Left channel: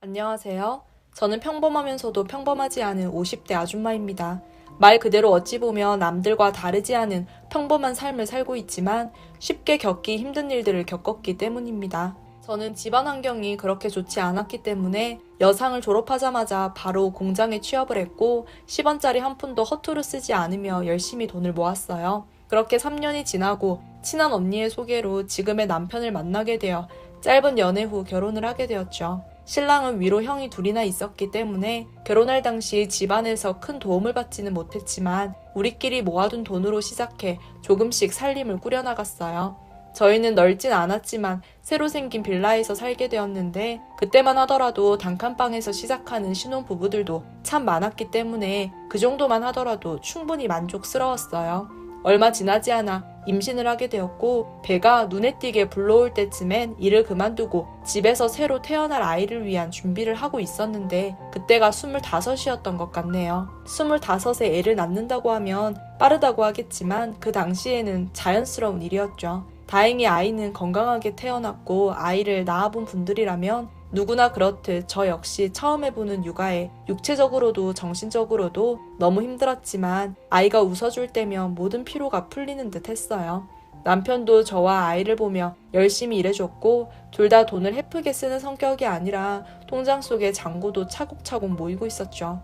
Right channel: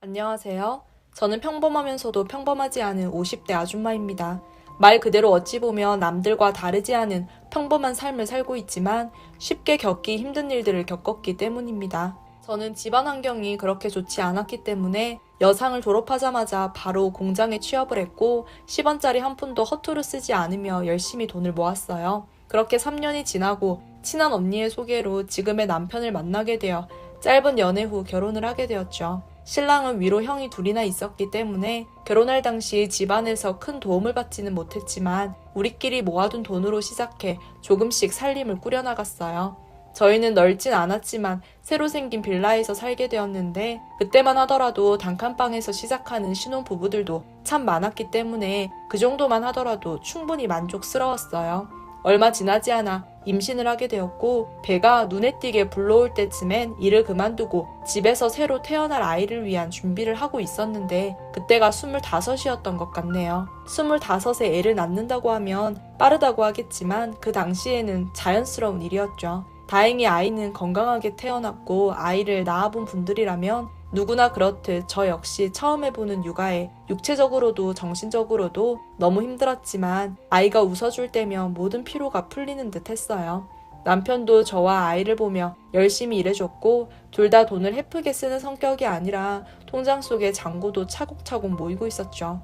안녕하세요. 저는 평범하면서도 평범하지 않은 50대 아줌마입니다. 말 그대로 어찌 보면 남들과 다르지 않은 평범한 삶을 살고 있지만 쉽게 겪기 힘든 일들을 겪었기 때문입니다. 저는 집안 환경이 그렇게 좋지 않았기 때문에 여상을 졸업하자마자 바로 공장에 취업을 했고 10원짜리 한 푼도 허투루 쓰지 않으며 열심히 돈을 모았어요. 그렇게 3년이 지나고 친한 언니의 소개로 지금의 남편을 만나게 되어 짧은 연애 후 결혼을 하게 되었죠. 신랑은 위로 형이 둘이나 있었기 때문에 결혼할 당시 집안에서 큰 도움을 받지는 못했지만 우리끼리 모아둔 돈으로 시작해 조금씩 살림을 꾸려나갔어요. 저희는 넓진 않았지만 새로 생긴 빌라에서 살게 되었는데 그때만 하더라도 단칸방에서 시작하는 신혼부부들도 참 많았기 때문에 그 정도만 하더라도 충분히 만족스러웠어요. 얼마 지나지 않아 임신을 하게 되었고 배가 눈에 띄게 불러올 때쯤엔 일을 그만두고 집에서 새로 태어날 아이를 위한 준비를 하고 있었는데 그때가 25이었던 것 같네요. 25에 애를 낳는다고 하면 빠르다고 하겠지만 그 당시에는 자연스러운 일이었죠. 다행히 아이는 건강하게 태어났고 아이를 낳아본 분들이라면 누구나 그렇듯 저 역시 처음 해보는 육아에 육체적으로도 정신적으로도 너무 힘들었지만 아이가 웃어줄 때면 모든 피로가 풀리는 듯 했어요. 남편도 저와 아이를 보며 열심히 일해줬고 둘 다 돈을 헤프게 쓰는 성격이 아니라 통장 속에 잔고도 차곡차곡 모이고 있었죠.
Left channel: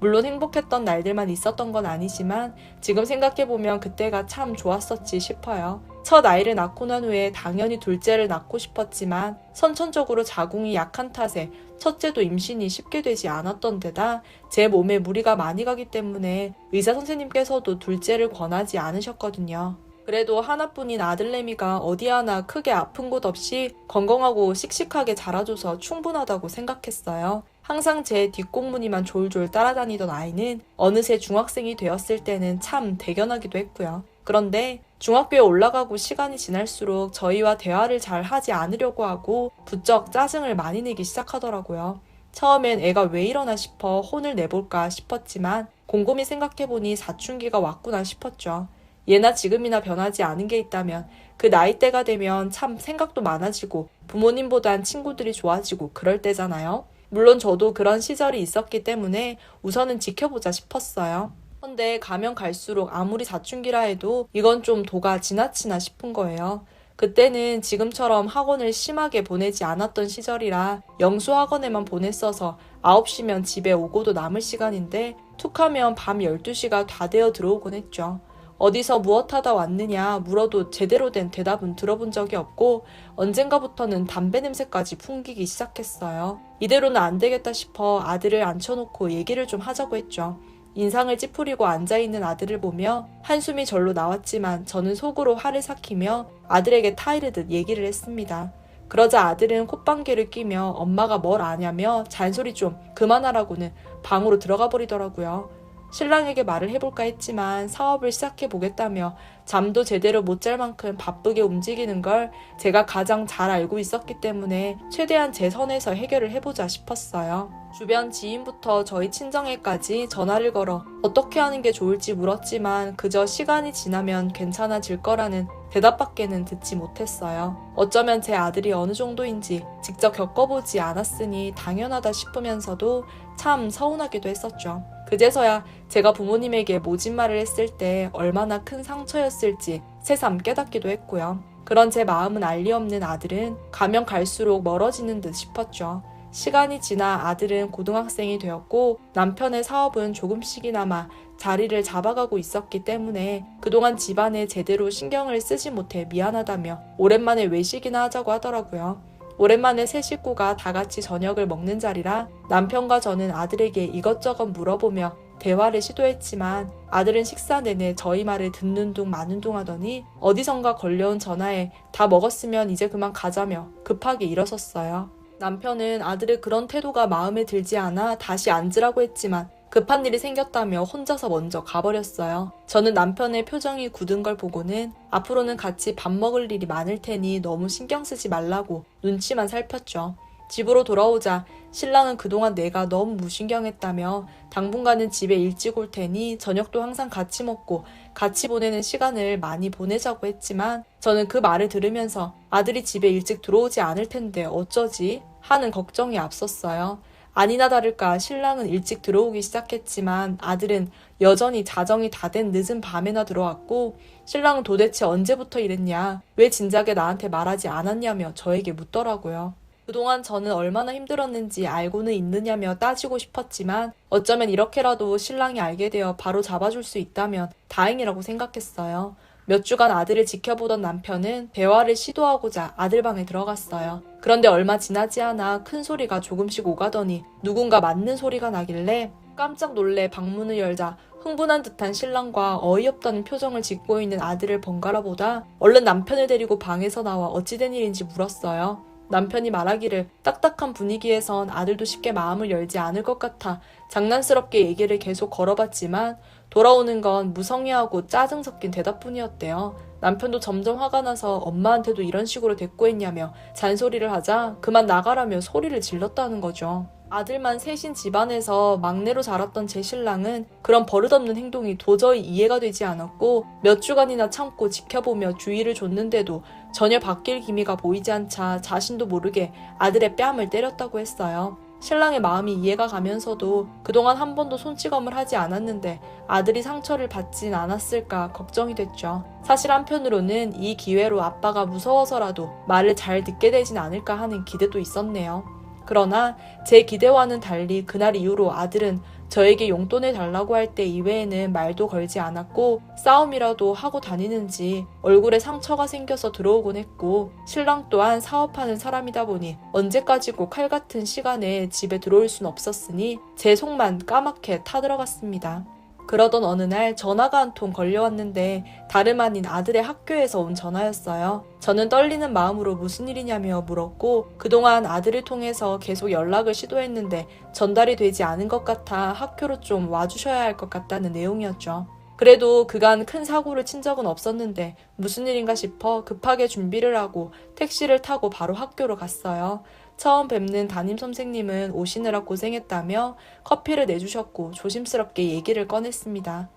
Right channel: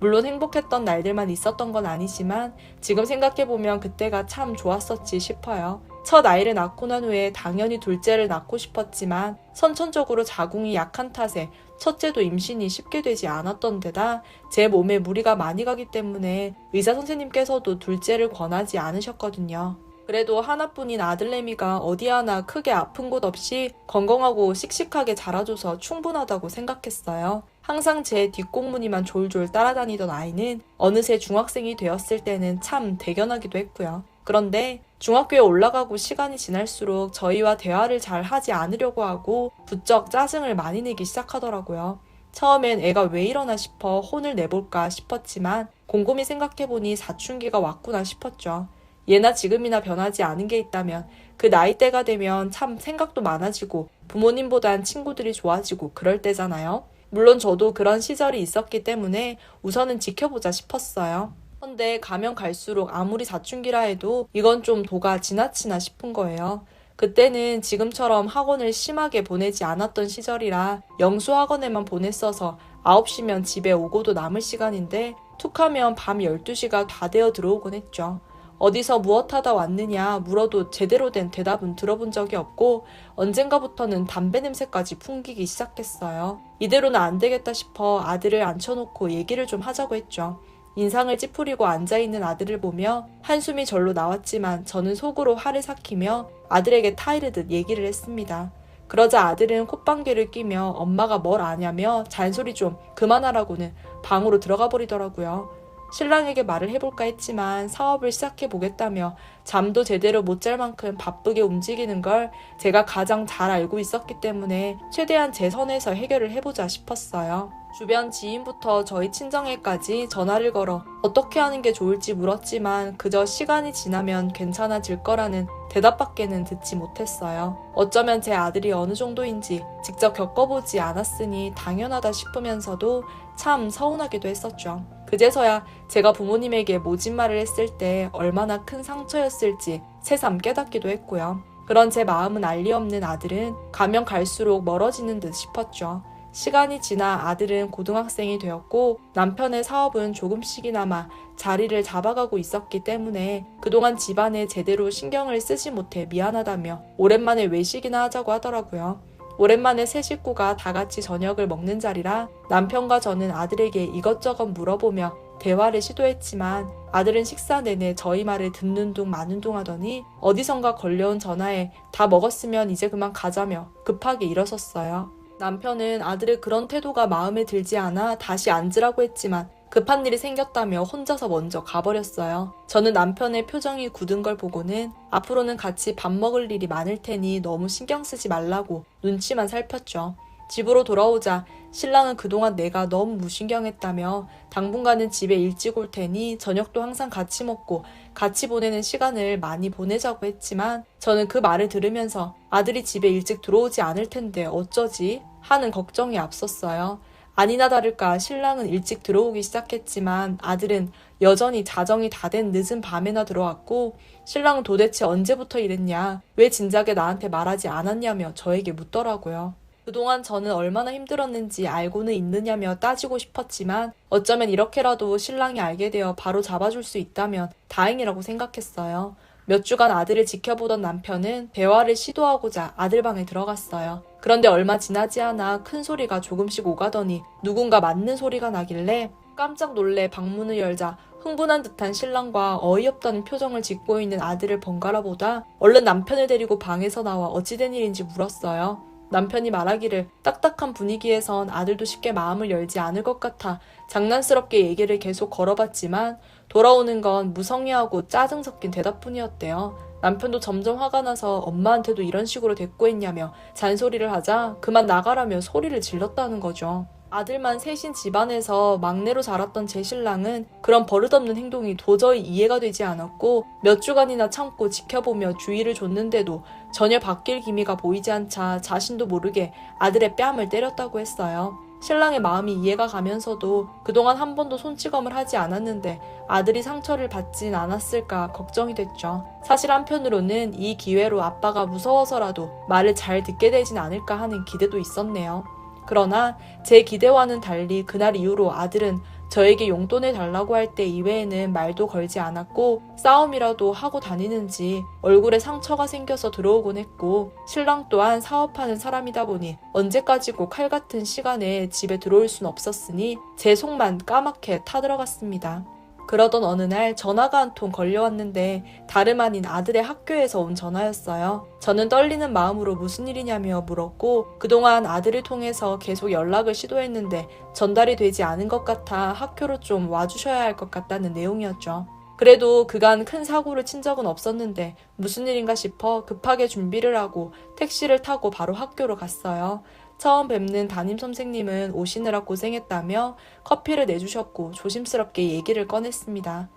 물론 행복했던 날들만 있었던 건 아니지만 지금 생각해보면 그때가 참 좋았었지 싶어요. 첫 아이를 낳고 난 후에 당연히 둘째를 낳고 싶었지만 선천적으로 자궁이 약한 탓에 첫째도 임신이 쉽게 되지 않았던 데다 제 몸에 무리가 많이 가기 때문에 의사 선생님께서도 둘째를 권하지 않으셨거든요. 그래도 하나뿐인 아들내미가 어디 하나 크게 아픈 곳 없이 건강하고 씩씩하게 자라줘서 충분하다고 생각했어요. 항상 제 뒷공무니만 졸졸 따라다니던 아이는 어느새 중학생이 되었을 때는 참 대견하기도 했고요. 그런데 중학교에 올라가고 시간이 지날수록 저희와 대화를 잘 하지 않으려고 하고 부쩍 짜증을 많이 내기 시작하더라고요. 처음엔 애가 왜 이러나 싶어 혼을 내볼까 싶었지만 곰곰이 생각해보니 사춘기가 왔구나 싶었죠. 예나 지금이나 변하지 않은 게 있다면 그 나이대가 되면 참 생각도 많아지고 부모님보단 친구들이 좋아지고 그럴 때잖아요. 물론 저도 그런 시절이 있었기 때문에 우선은 지켜보자 싶었어요. 근데 가면 갈수록 아무리 사춘기라 해도 이건 좀 도가 지나치나 싶은 거예요. 그때는 지금처럼 학원을 심하게 보내지 않았던 시절이라 영수학원에만 보냈어서 9시면 집에 오고도 남을 시간인데 툭하면 밤 12시가 다 되어 들어오곤 했죠. 어디서 무엇 하다 왔느냐 물어도 제대로 된 대답은 들어본 적이 없고 언젠가부터는 담배 냄새까지 풍기기 시작했어요. 이대로는 안 되겠다 싶어 아들을 앉혀놓고 얘기를 좀 하자고 했죠. 인상을 찌푸리고 앉아있는 아들을 보며 한숨이 절로 나왔지만 저는 속으로 화를 삭히며 아들에게 타이르듯 얘기를 했습니다. 그러자 아들은 콧방귀를 끼며 엄마가 뭘 아냐며 잔소리 좀 그만하라고는 방으로 들어가 버리더라고요. 신랑에게 말을 해볼까 했지만 사업을 시작해보겠다며 잠도 제대로 못 잘 만큼 바쁘게 움직이는 걸 제가 가장 잘 알고 있었기 때문에 최대한 제 선에서 해결을 해보자 싶었어요. 주변 지인부터 저희 친정에까지 전화를 걸어 어떻게 하는 게 좋을지 물었지만 그저 시간이 지나면 괜찮아질 거라는 대답밖에는 듣지 못했어요. 어쩌면 제 아들이 어느 정도인지 직접 겪어보지 않았으니 당연하다 싶으면서도 참 서운하기도 했었죠. 그제서야 제가 부모님에게 모진 말을 했을 때 얼마나 큰 상처였을지 새삼 깨닫기도 했고요. 그런 제 마음은 알리 없는 아들은 가면 갈수록 멀어지는 듯 싶었죠. 시간이 지나 아들은 고등학생이 되었고 남편의 사업은 조금씩이나마 자리를 잡아가고 있었기 때문에 그동안 집안에 제대로 신경을 쓰지 못해 미안하다며 오랜만에 외식이나 하자고 하더라고요. 오랜만에 세 식구가 다 같이 저녁을 먹는 자리라 남편과 저는 아들에게 이것저것 물어보며 대화를 시도했지만 아들은 식사 내내 저희 말을 듣는 둥 마는 둥 하더니 어디선가 걸려온 전화에 다 먹었으면 이제 그만 가자며 급하게 일어섰어요. 남편은 아들의 그런 태도가 마음에 들지 않아 다시 앉으라고 했지만 급한 일이 생겼다며 혼자서 먼저 가버렸어요. 저는 남편의 표정이 굳은 걸 보고는 앞으로는 같이 밥 먹을 일이 많을 테니 너무 신경 쓰지 말라고 눈치만 살폈죠. 집으로 돌아오자 신랑은 그동안 내가 너무 무신경했다며 당분간은 집에 일찍 올 테니 저녁도 항상 같이 먹고 같이 보내는 시간을 많이 보내자고 했지만 저는 그 말을 들으면서 아들이 집에 일찍 들어오지 않을 텐데 어쩌지? 하는 걱정이 앞섰어요. 아니나 다를까 신랑은 일찍 들어오기 시작했지만 아들은 여전히 자정이 다 된 늦은 밤에나 들어왔고, 신랑은 도대체 언제부터 이랬냐, 왜 진작에 나한테 말하지 않았냐며 저에게 묻더라고요. 그동안 저는 얼마나 힘들었는지 알고는 있느냐며 따지고 싶었지만 어쩌면 이렇게라도 신랑이 알게 되어 바로 잡아줄 수 있다면 다행이라고 생각했어요. 몇 주간 아들을 지켜보던 남편은 대화를 시도하고자 아들 방에 들어갔어요. 그런데 얼마 지나지 않아 큰 소리가 조금씩 오가더니 누군가 맞는 소리가 나길래 깜짝 놀래 방문을 열자 흥분한 듯한 신랑과 어이없다는 표정을 짓고 있는 아들을 번갈아 보다 얼른 남편을 데리고 방에서 나와 어찌된 일인지 물었어요. 남편이 말하기를 딱딱한 분위기에선 아들도 쉽게 마음을 열지 않을 것 같아 장난스럽게 얘기를 계속 걸어봤지만 돌아오는 건 무성의하고 짜증 섞인 대답뿐이었대요. 남편도 점점 화가 나서 엄마한테도 이런 식으로 대꾸했냐며 잔소리를 하자 그만 나가라며 소리를 질렀다는 거죠. 아들만 셋인 집안에서 막내로 자랐던 제 신랑은 그런 버릇없는 행동이 도저히 이해가 되지 않았고 몇 주간이나 참고 지켜보며 주의를 줬는데도 전혀 바뀔 기미가 보이지 않자 자신도 모르게 아들의 뺨을 때렸다고 했어요. 신랑의 마음이 이해가 가면서도 그동안 한 번도 손찌검을 하지 않았는데 아들이 상처를 받진 않았을까 걱정이 됐죠. 사실 한편으로는 이 기회로 아빠가 무서워서라도 말을 잘 듣게 되진 않을까 하는 기대도 있었네요. 그러나 제 기대와는 달리 그날 이후로 아들은 저에게 용돈을 달라고 할 때 이외에는 말도 걸지 않았고 싸움이라도 하고 다니는지 얼굴에 상처가 생겨서 들어오곤 했고, 신랑 또한 사업하는 사람이다 보니 언제까지고 칼 같은 시간에 집에 들어올 순 없었으니 제 속만 까맣게 타들어갔습니다. 그러던 어느 날 전화가 한 통 걸려왔는데 다름 아닌 아들의 학교에서 온 전화였어요. 저는 떨리는 마음으로 무슨 일이냐며 물었고 그동안 아들을 통해서 계속 연락을 시도했는데 전달이 되지 않은 것 같아 학교로 좀 와주셔야 할 것 같다는 내용이었죠. 그래도 그간 큰 사고를 친 적은 없었는데 무슨 일인가 싶어 급하게 준비를 하고 택시를 타고 바로 학교로 갔어요. 처음 뵙는 담임 선생님은 오시느라 고생했다며 커피를 내주셨고 조심스럽게 얘기를 꺼냈습니다.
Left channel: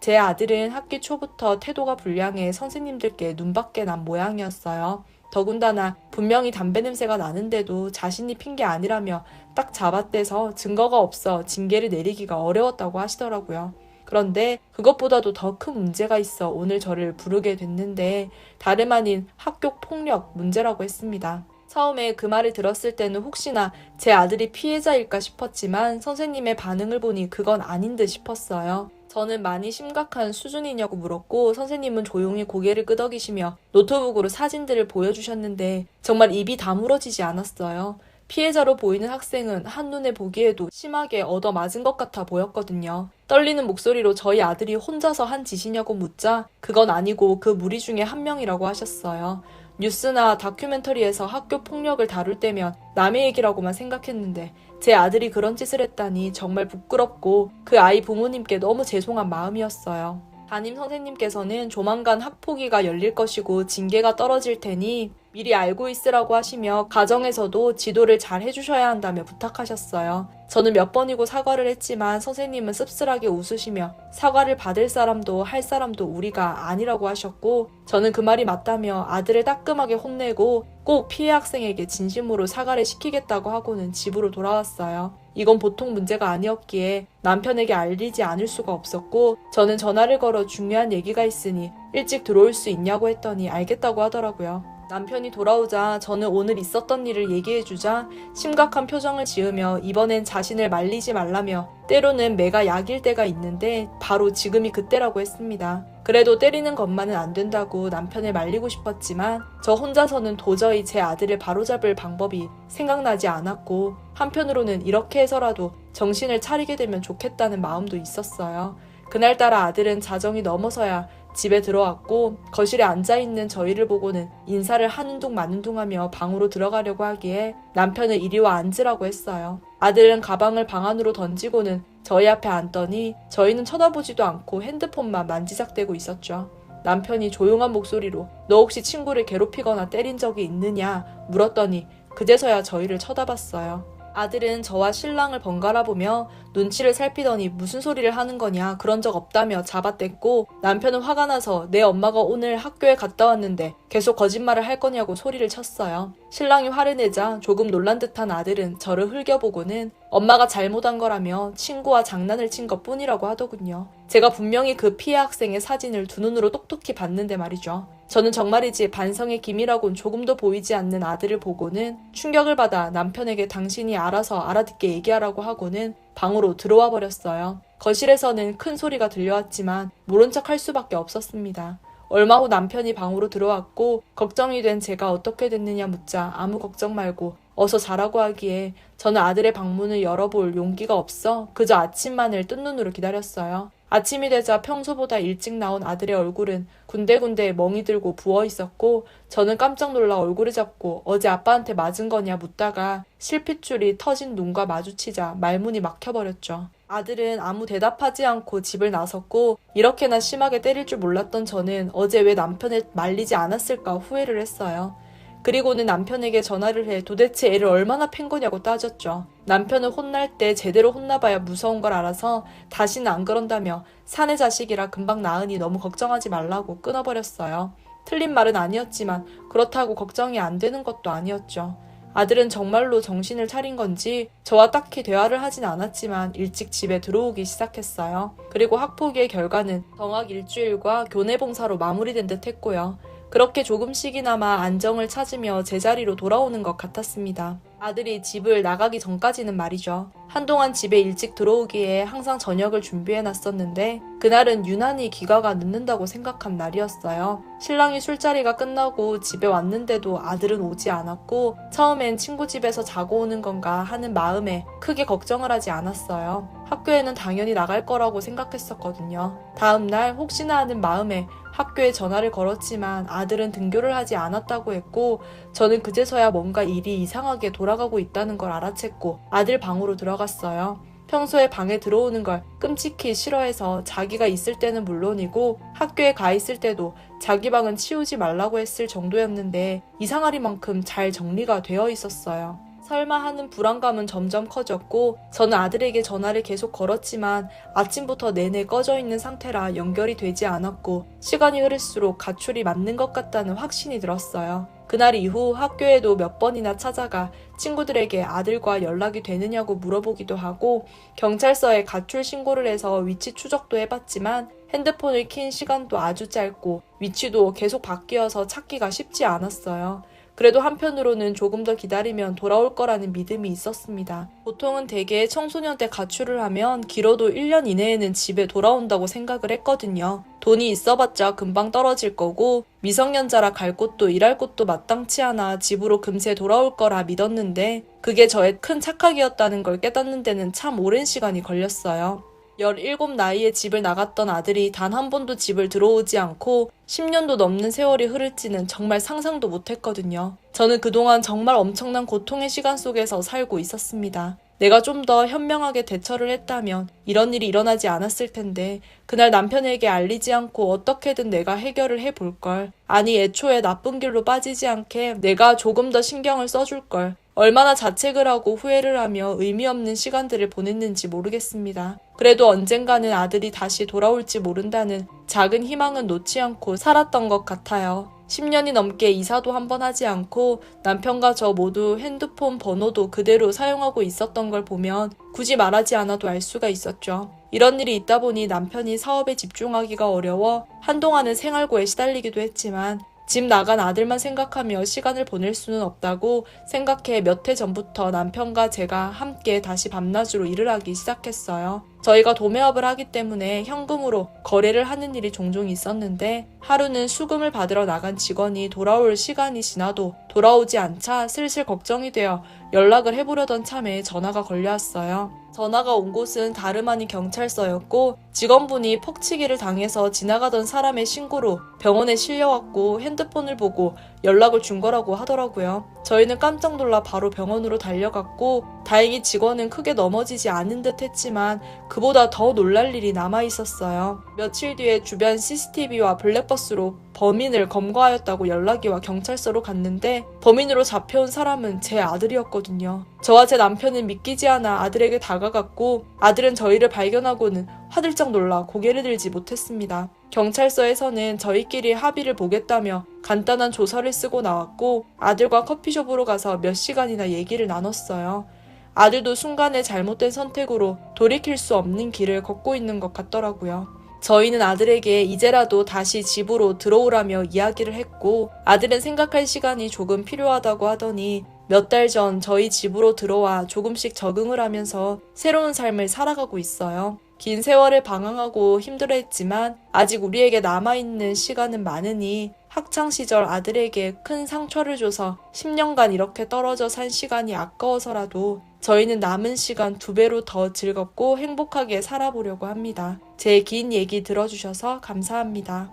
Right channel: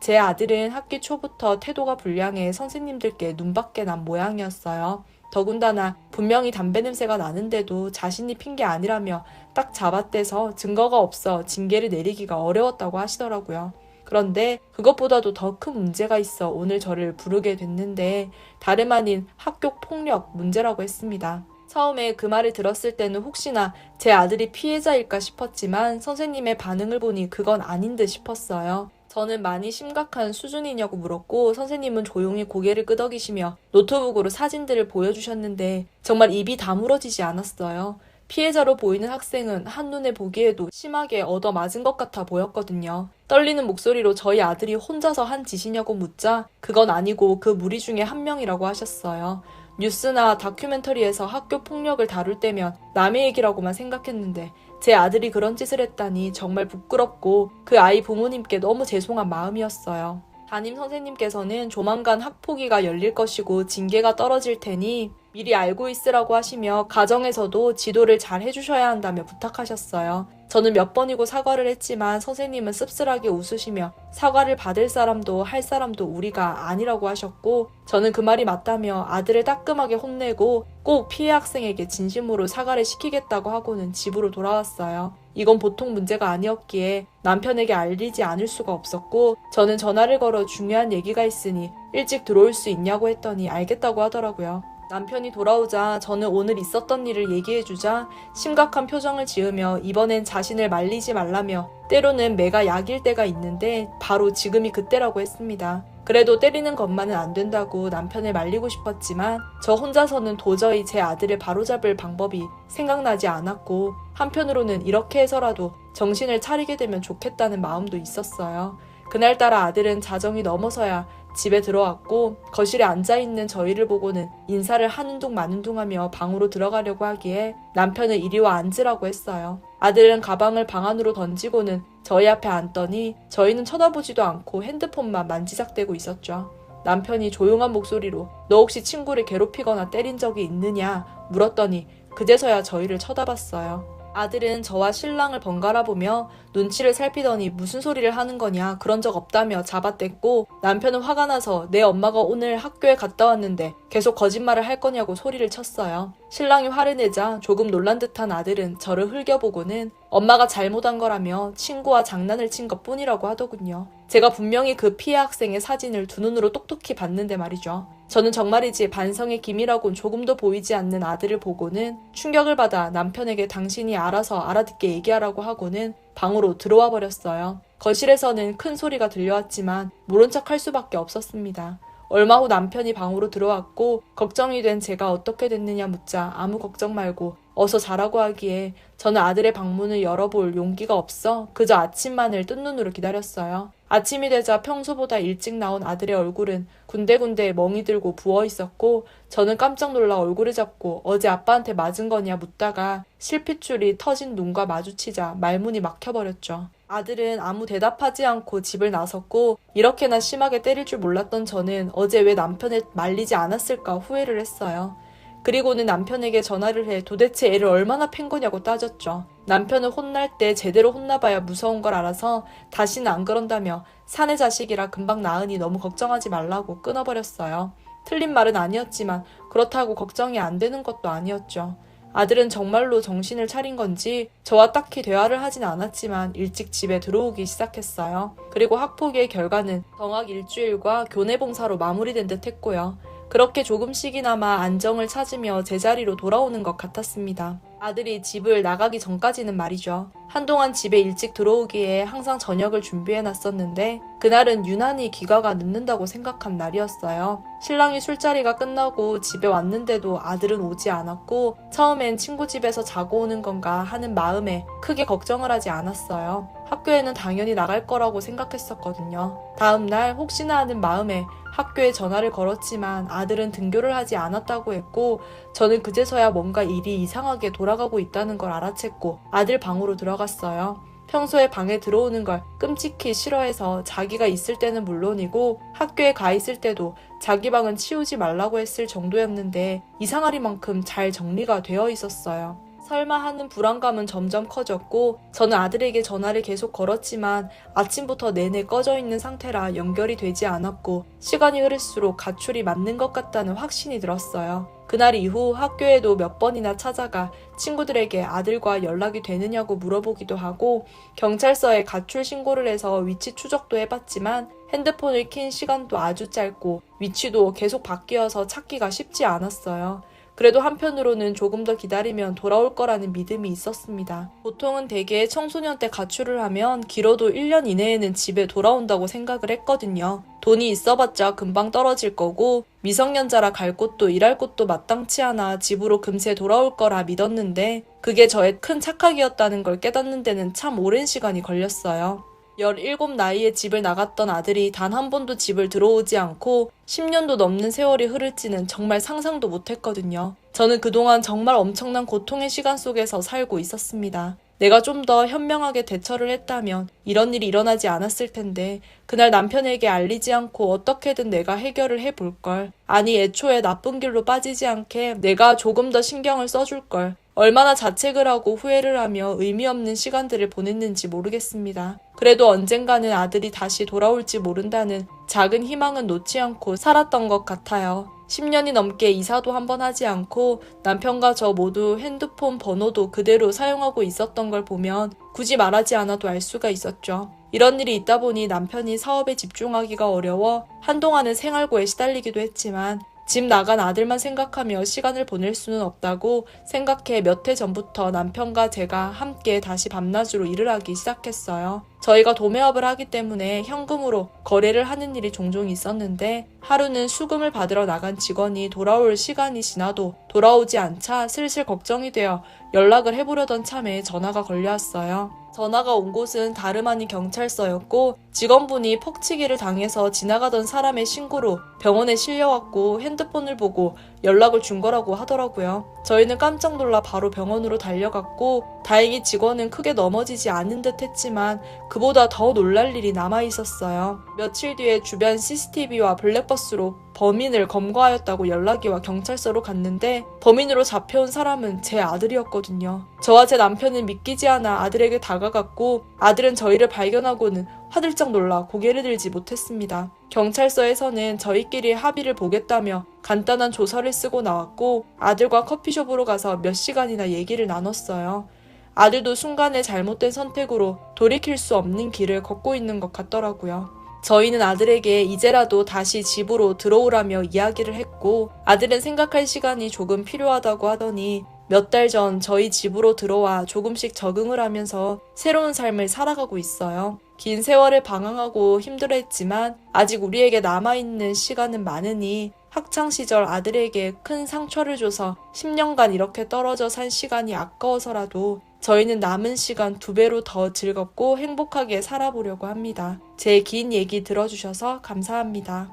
제 아들은 학기 초부터 태도가 불량해 선생님들께 눈밖에 난 모양이었어요. 더군다나 분명히 담배 냄새가 나는데도 자신이 핀 게 아니라며 딱 잡아떼서 증거가 없어 징계를 내리기가 어려웠다고 하시더라고요. 그런데 그것보다도 더 큰 문제가 있어 오늘 저를 부르게 됐는데 다름 아닌 학교 폭력 문제라고 했습니다. 처음에 그 말을 들었을 때는 혹시나 제 아들이 피해자일까 싶었지만 선생님의 반응을 보니 그건 아닌 듯 싶었어요. 저는 많이 심각한 수준이냐고 물었고 선생님은 조용히 고개를 끄덕이시며 노트북으로 사진들을 보여주셨는데 정말 입이 다물어지지 않았어요. 피해자로 보이는 학생은 한눈에 보기에도 심하게 얻어맞은 것 같아 보였거든요. 떨리는 목소리로 저희 아들이 혼자서 한 짓이냐고 묻자 그건 아니고 그 무리 중에 한 명이라고 하셨어요. 뉴스나 다큐멘터리에서 학교 폭력을 다룰 때면 남의 얘기라고만 생각했는데 제 아들이 그런 짓을 했다니 정말 부끄럽고 그 아이 부모님께 너무 죄송한 마음이었어요. 담임 선생님께서는 조만간 학폭위가 열릴 것이고 징계가 떨어질 테니 미리 알고 있으라고 하시며 가정에서도 지도를 잘 해주셔야 한다며 부탁하셨어요. 저는 몇 번이고 사과를 했지만 선생님은 씁쓸하게 웃으시며 사과를 받을 사람도 할 사람도 우리가 아니라고 하셨고 저는 그 말이 맞다며 아들을 따끔하게 혼내고 꼭 피해 학생에게 진심으로 사과를 시키겠다고 하고는 집으로 돌아왔어요. 이건 보통 문제가 아니었기에 남편에게 알리지 않을 수가 없었고 저는 전화를 걸어 중요한 얘기가 있으니 일찍 들어올 수 있냐고 했더니 알겠다고 하더라고요. 남편이 돌아오자 저는 오늘 있었던 일을 얘기해주자 심각한 표정을 지으며 이번엔 자신을 말리지 말라며 때로는 매가 약일 때가 있는데 바로 지금이 그때라고 했습니다. 그래도 때리는 것만은 안 된다고 남편을 말리고 싶었지만 저 혼자서는 도저히 제 아들을 바로잡을 방법이 생각나지 않았고 한편으로는 이렇게 해서라도 정신을 차리게 되면 좋겠다는 마음도 있었어요. 그날따라 아들은 자정이 넘어서야 집에 들어왔고 거실에 앉아있는 저희를 보고는 인사를 하는 둥 마는 둥 하며 방으로 들어가려고 하기에 남편은 이리 와 앉으라고 했어요. 아들은 가방을 방 안으로 던지고는 저희 앞에 앉더니 저희는 쳐다보지도 않고 핸드폰만 만지작대고 있었죠. 남편이 조용한 목소리로 너 혹시 친구를 괴롭히거나 때린 적이 있느냐 물었더니 그제서야 저희를 쳐다봤어요. 아들은 저와 신랑을 번갈아 보며 눈치를 살피더니 무슨 소리를 하는 거냐, 그런 적 없다며 잡아댔고, 남편은 화가 나서 내 엄마가 오늘 학교에 갔다 왔는데 계속 거짓말을 할 거냐고 소리를 쳤어요. 신랑이 화를 내자 조금 놀란 듯한 아들은 저를 흘겨보고는 엄마가 잘못한 거라며 친구와 장난을 친 것뿐이라고 하더군요. 제가 분명히 그 피해 학생의 사진을 두 눈으로 똑똑히 봤는데 말이죠. 저는 정말이지 반성의 기미라곤 조금도 보이지 않는 아들을 보고는 충격을 받아 남편에게 당신이 알아서 알아듣게 얘기하라고 하고는 방으로 들어와 버렸어요. 거실에서는 큰 소리가 들려왔지만 모른 척 할 수밖에 없었습니다. 얼마 후 남편이 방으로 들어왔고 걱정이 된 제가 어떻게 됐느냐 묻자 아무 걱정 말고 어서 자라고 하기에 저는 아들의 방문을 열어볼 용기가 없어 그저 아침만을 뜬 눈으로 기다렸어요. 아침이 되자 평소보다 일찍 나온 아들의 얼굴은 군데군데 멍이 들고 부어 있었고 저는 깜짝 놀라 얼굴을 잡고 어제 아빠한테 맞은 거냐 묻다가 실핏줄이 터진 눈과 마주치자 말문이 막혀버렸죠. 아들은 아무 대답하지 않고 집을 나섰고 이렇게나 심하게 때릴 줄 몰랐던 저는 어제 왜 남편을 말리지 않았을까 후회를 했어요. 그리고는 남편에게 전화를 해 도대체 애를 얼마나 팬 거냐고 따졌죠. 남편을 혼날 때 제대로 혼나봐야 무서운 걸 알아서 다시는 안 그런다며 사내 자식이라 금방 낳으니 너무 걱정하지 말라고 끊어버렸어요. 틀린 말은 아니었지만 그렇다고 걱정이 안 되는 것도 아니었죠. 아들은 정말로 정신을 차린 건지 저와 딱히 대화를 하진 않았지만 일찍 집에 들어오기 시작했어요. 그리고 학폭의 결과는 정학 일주일과 교내 봉사로 마무리된 듯 했고요. 그렇게 조금씩이나마 안정을 찾으며 제자리로 돌아오는 것 같았습니다. 아들이 집을 나가기 전까지는 말이죠. 한동안 집에 일찍 들어오기에 항상 저녁을 준비해놨었는데 그날은 유난히 귀가가 늦는다고 생각한 날이었어요. 신랑이 술자리가 끝나고 집에 왔는데도 아들은 오지 않았고 처음엔 친구 집에서 자고 오는 건가 하는 마음에 크게 걱정을 하지 않았어요. 학교에는 당연히 나갈 거라고 생각했었거든요. 다음 날 혹시나 하는 마음에 학교에 전화를 걸었지만 아들은 등교를 하지 않았다고 했고 저는 그제서야 뭔가 일이 이상하게 돌아가고 있다는 걸 알아챘고 아들 방으로 들어갔어요. 평소에 방에 들어오는 걸 끔찍히 싫어해서 자기가 있을 때는 물론이고 학교에 가 있을 때도 자기 방은 치우지 말라고 했을 정도였는데 이상하리만큼 잘 정리가 되어 있었어요. 설마 하는 불안감은 점점 커졌고 저는 아들에게 전화를 계속 걸었지만 아침부터 내내 꺼져 있는 상태라 연결이 되지 않았고 시간이 흐를수록 가출이 맞는 것 같다는 확신이 들었어요. 그날 이후 학교에도 몇 번이나 찾아가 친구들에게 아들과 연락이 되느냐고 물어보기도 하고 경찰서에 가출 신고를 해서 위치 추적도 해봤지만 핸드폰을 킨 시간도 아주 짧고 위치도 계속 바뀌어서 찾기가 쉽지 않았어요. 그래도 한편으로는 조금 더 기다리면 돌아올 거라는 믿음이 있었습니다. 보통은 대개 청소년 때 가출을 하면 길어도 1년 이내에는 집에 돌아온다고 생각을 했거든요. 돈이 있어봤자 금방 떨어질 거고 미성년자라 갈 곳도 일할 곳도 마땅치 않아 집으로 금세 돌아올 거라 믿었는데 그게 저의 큰 착각이었다는 걸 깨닫는 데는 참 오랜 시간이 걸렸어요. 17 나이에 집을 나갔던 아들이 단 한 번도 집을 들어오지 않고 10년도 넘는 세월이 흐를지는 정말 상상도 못했거든요. 저는 그동안 정말 엄청난 고통의 시간 속에서 살고 있었습니다. 내가 좀 더 현명하게 대처를 했다면 이런 일이 일어나지 않았을 텐데 그날 남편에게 알리지 않고 어떻게든 내가 해결을 해볼걸. 아니 애초에 나쁜 길로 빠지지 않게 내가 조금 더 신경을 써줄걸. 얼마나 자책을 하고 후회를 하며 의미 없는 시간들을 보냈는지 모르겠습니다. 그래도 언젠가는 아들이 다시 돌아올지 모른다는 작은 희망은 놓지 않고 살았던 것 같아요. 10년이 넘게 이사도 한 번 하지 않고 남편과 저 모두 핸드폰 번호도 그대로 사용하고 있었던 걸 보면 굳이 말하지 않아도 알 수가 있었죠. 이런 일이 있다 보니 남편이 사업에 집중하기가 어려워 한동안은 생활고에 시달리기도 했지만 집 나간 아들만 생각하며 시간을 보낼 수는 없다고 생각해 몇 해 전부터 남편과 제가 함께 다시 밤낮으로 일을 하기 시작했어요. 저희가 도매업을 하기 때문에 현금으로 거래를 하는 일이 종종 있었는데 하루는 수금을 받으러 나간 직원이 돌아올 시간이 지나도 돌아오지 않자 슬슬 걱정이 되어 연락을 해보려던 참에 전화가 걸려왔어요. 전화가 온 곳은 다름 아닌 경찰서였고 직원분이 폭치기를 당해서 지나가던 사람의 신고로 병원에 실려왔고 핸드폰을 보고 연락을 준 거라고 하더라고요. 저희는 깜짝 놀라 바로 병원으로 달려갔고 다행히 직원은 크게 넘어지지 않은 듯 했지만 그보다 더 놀랄 일이 남아있었어요. 며칠 뒤에 주변 CCTV와 블랙박스로 범인을 검거하였다고 연락이 와 경찰서로 갔는데 범인으로 잡혀온 사람은 제 아들이었거든요. 저와 제 남편은 믿기지 않아 아들에게 다가갔고 아들은 저희를 발견하고는 화들짝 놀라 고개를 들지 못했습니다. 경찰서에서는 저희끼리 합의를 보겠다며 간단한 조서를 쓰고 나왔고 아들과 커피숍으로 가서 몇 시간이나 얘기를 나눴어요. 아들도 순간의 잘못된 선택으로 돌이킬 수 없는 길을 걷고 있는 것 같더라고요. 저희는 아들에게 이제라도 다시 집으로 들어오라며 이야기를 했고 아들은 생각할 시간이 조금 필요하다고 하더니 몇 달 전 저희 집으로 들어와 조금씩 적응을 하면서 새로운 삶을 살아가고 있어요. 긴 세월을 방황하고 힘들어했지만 아직 우리에게 남아있는 시간은 많으니 학창시절 아들에게 큰 상처를 줘서 10년간 이렇게 떨어져 산 시간이 아까워서라도 저희는 남은 시간 2배로 더 즐겁고 행복하게 살아보려고 합니다. 제 긴 얘기 들어주셔서 감사합니다.